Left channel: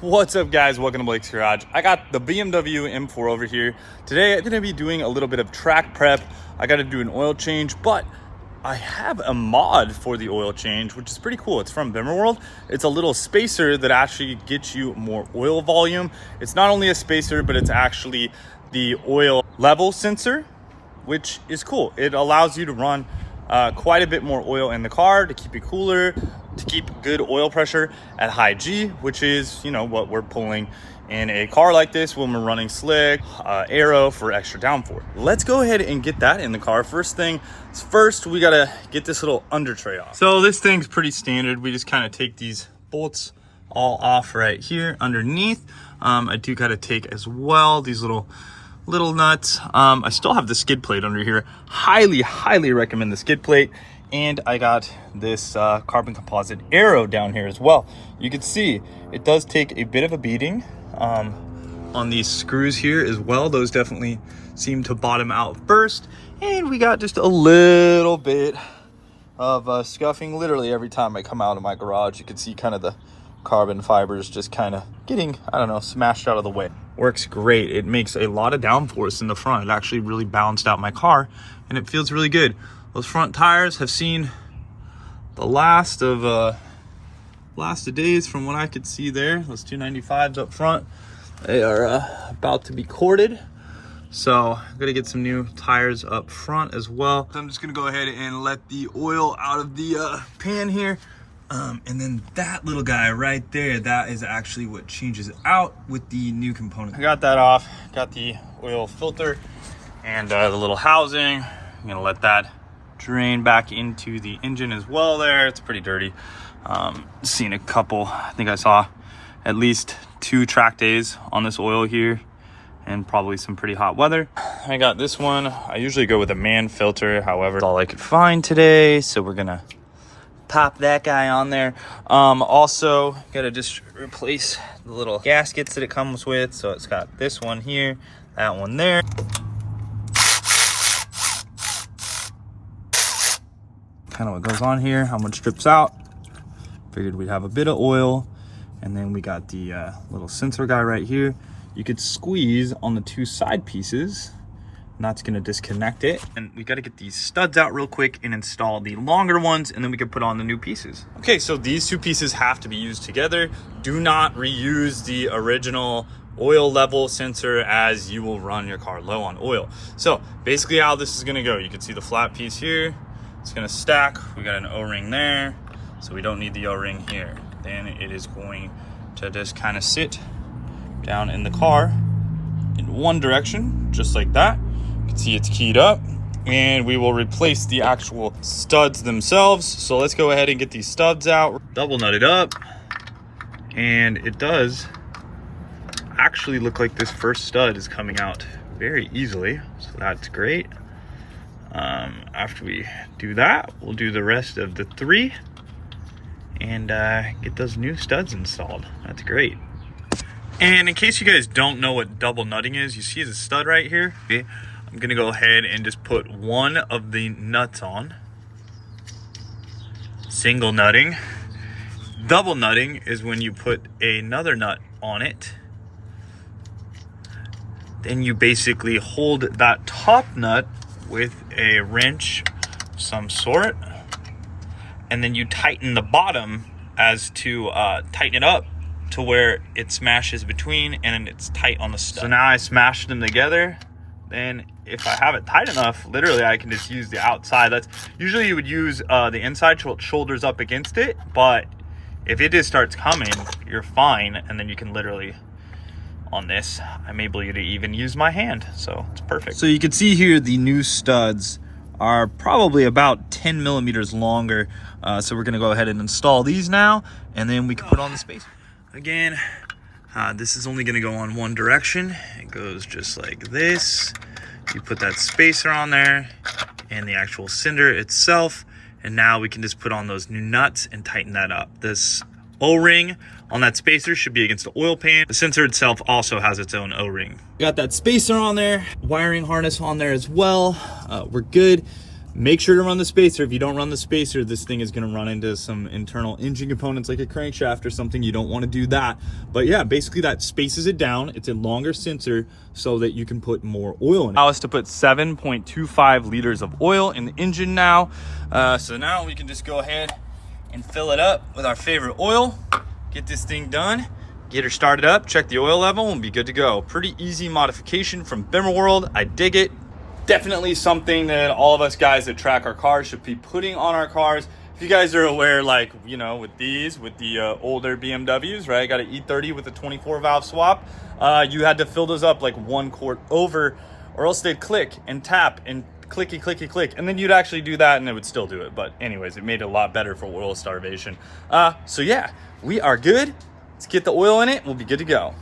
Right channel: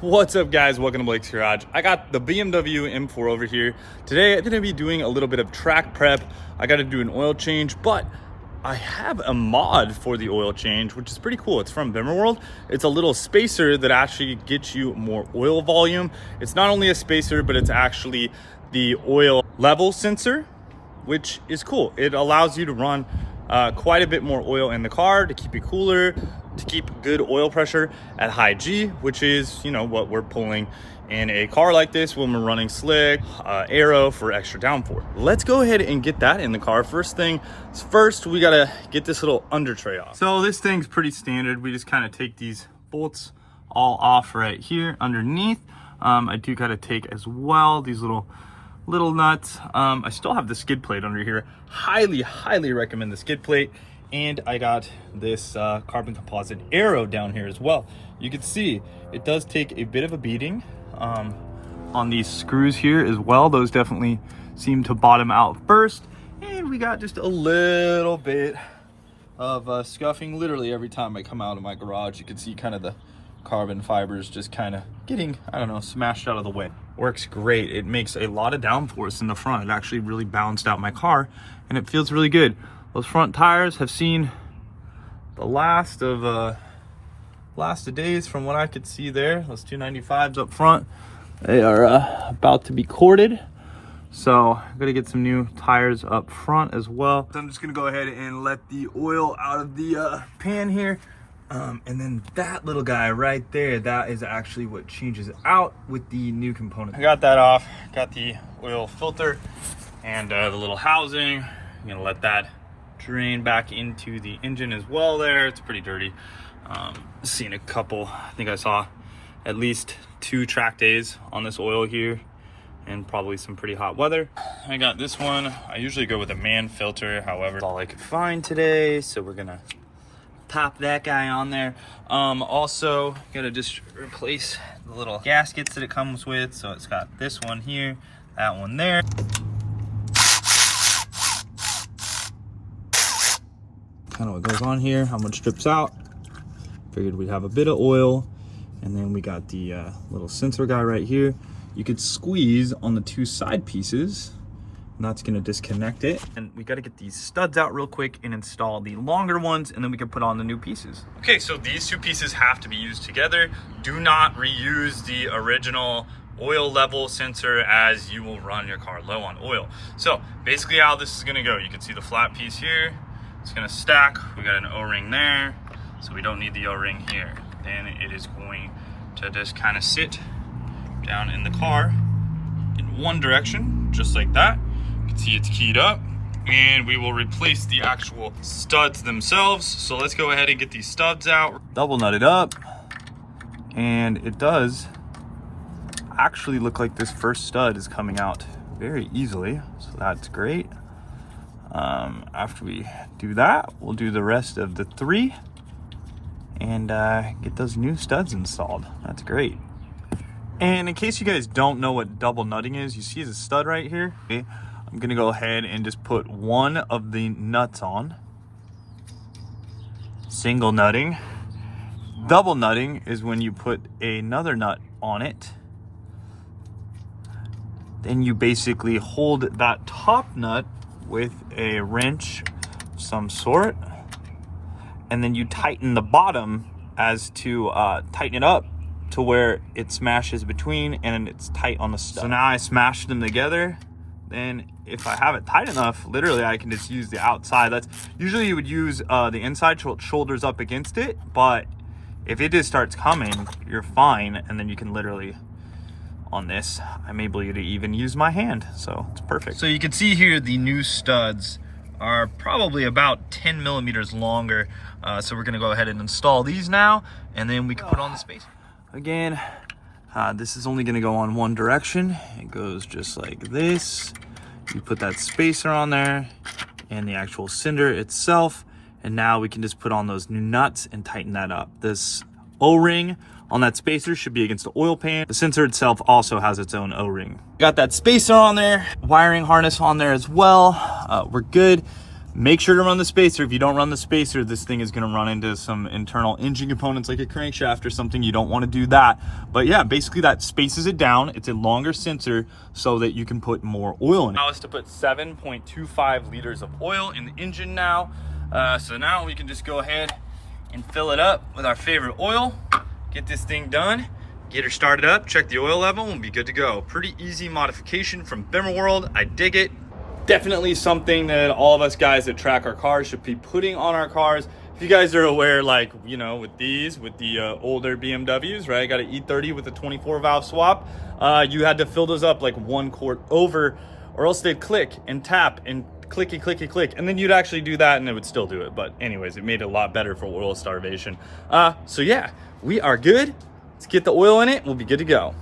What's up, guys? Welcome to Blake's Garage. I got the BMW M4 over here. Today I'm gonna be doing a little bit of track prep. I gotta do an oil change, but I have a mod for the oil change, which is pretty cool. It's from Bimmerworld. It's a little spacer that actually gets you more oil volume. It's not only a spacer, but it's actually the oil level sensor, which is cool. It allows you to run quite a bit more oil in the car to keep it cooler, to keep good oil pressure at high G, which is, you know, what we're pulling in a car like this when we're running slick, aero for extra downforce. Let's go ahead and get that in the car. First thing first, we gotta get this little under tray off. So this thing's pretty standard. We just kind of take these bolts all off right here underneath. I do gotta take as well these little nuts. I still have the skid plate under here. Highly recommend the skid plate. And I got this carbon composite aero down here as well. You can see it does take a bit of a beating on these screws here as well. Those definitely seem to bottom out first. And we got just a little bit of scuffing literally every time I come out of my garage. You can see kind of the carbon fibers just kind of getting, I don't know, smashed out of the way. Works great. It makes a lot of downforce in the front. It actually really balanced out my car and it feels really good. Those front tires have seen the last of days from what I could see there. Those 295s up front, they are about to be corded. So I'm gonna get some new tires up front as well. So I'm just gonna go ahead and let the oil out of the pan here. And then that little guy right there, that is actually what changes out with the new component. I got that off, got the oil filter and the little housing. I'm gonna let that drain back into the engine as well there. It's pretty dirty. Seen a couple, I think I saw at least 2 track days on this oil here and probably some pretty hot weather. I got this one. I usually go with a man filter, however, it's all I could find today, so we're gonna pop that guy on there. Also gotta just replace the little gaskets that it comes with. So it's got this one here, that one there. Kind of what goes on here, how much drips out. Figured we'd have a bit of oil. And then we got the little sensor guy right here. You could squeeze on the 2 side pieces, and that's gonna disconnect it. And we gotta get these studs out real quick and install the longer ones, and then we can put on the new pieces. Okay, so these 2 pieces have to be used together. Do not reuse the original oil level sensor, as you will run your car low on oil. So basically how this is gonna go, you can see the flat piece here. It's gonna stack. We got an O-ring there, so we don't need the O-ring here. Then it is going to just kind of sit down in the car in one direction, just like that. You can see it's keyed up, and we will replace the actual studs themselves. So let's go ahead and get these studs out, double nut it up, and it does actually look like this first stud is coming out very easily, so that's great. After we do that, we'll do the rest of the 3 and get those new studs installed. That's great. And in case you guys don't know what double nutting is, you see the stud right here. Okay, I'm gonna go ahead and just put one of the nuts on. Single nutting. Double nutting is when you put another nut on it. Then you basically hold that top nut with a wrench of some sort, and then you tighten the bottom as to tighten it up to where it smashes between and it's tight on the stud. So now I smashed them together. Then if I have it tight enough, literally I can just use the outside. That's usually you would use the inside shoulders up against it, but if it just starts coming, you're fine, and then you can literally, on this, I'm able to even use my hand, so it's perfect. So you can see here the new studs are probably about 10 millimeters longer. So we're gonna go ahead and install these now, and then we can put on the spacer. Again, this is only gonna go on one direction. It goes just like this. You put that spacer on there and the actual cinder itself, and now we can just put on those new nuts and tighten that up. This O-ring on that spacer should be against the oil pan. The sensor itself also has its own O-ring. Got that spacer on there, wiring harness on there as well. We're good. Make sure to run the spacer. If you don't run the spacer, this thing is gonna run into some internal engine components like a crankshaft or something. You don't wanna do that. But yeah, basically that spaces it down. It's a longer sensor so that you can put more oil in it. Allow us to put 7.25 liters of oil in the engine now. So now we can just go ahead and fill it up with our favorite oil, get this thing done, get her started up, check the oil level, and be good to go. Pretty easy modification from Bimmerworld. I dig it. Definitely something that all of us guys that track our cars should be putting on our cars. If you guys are aware, like, you know, with the older BMWs, right? Got an E30 with a 24 valve swap. You had to fill those up like 1 quart over, or else they'd click and tap and clicky, clicky, click. And then you'd actually do that and it would still do it. But anyways, it made it a lot better for oil starvation. So yeah, we are good. Let's get the oil in it and we'll be good to go.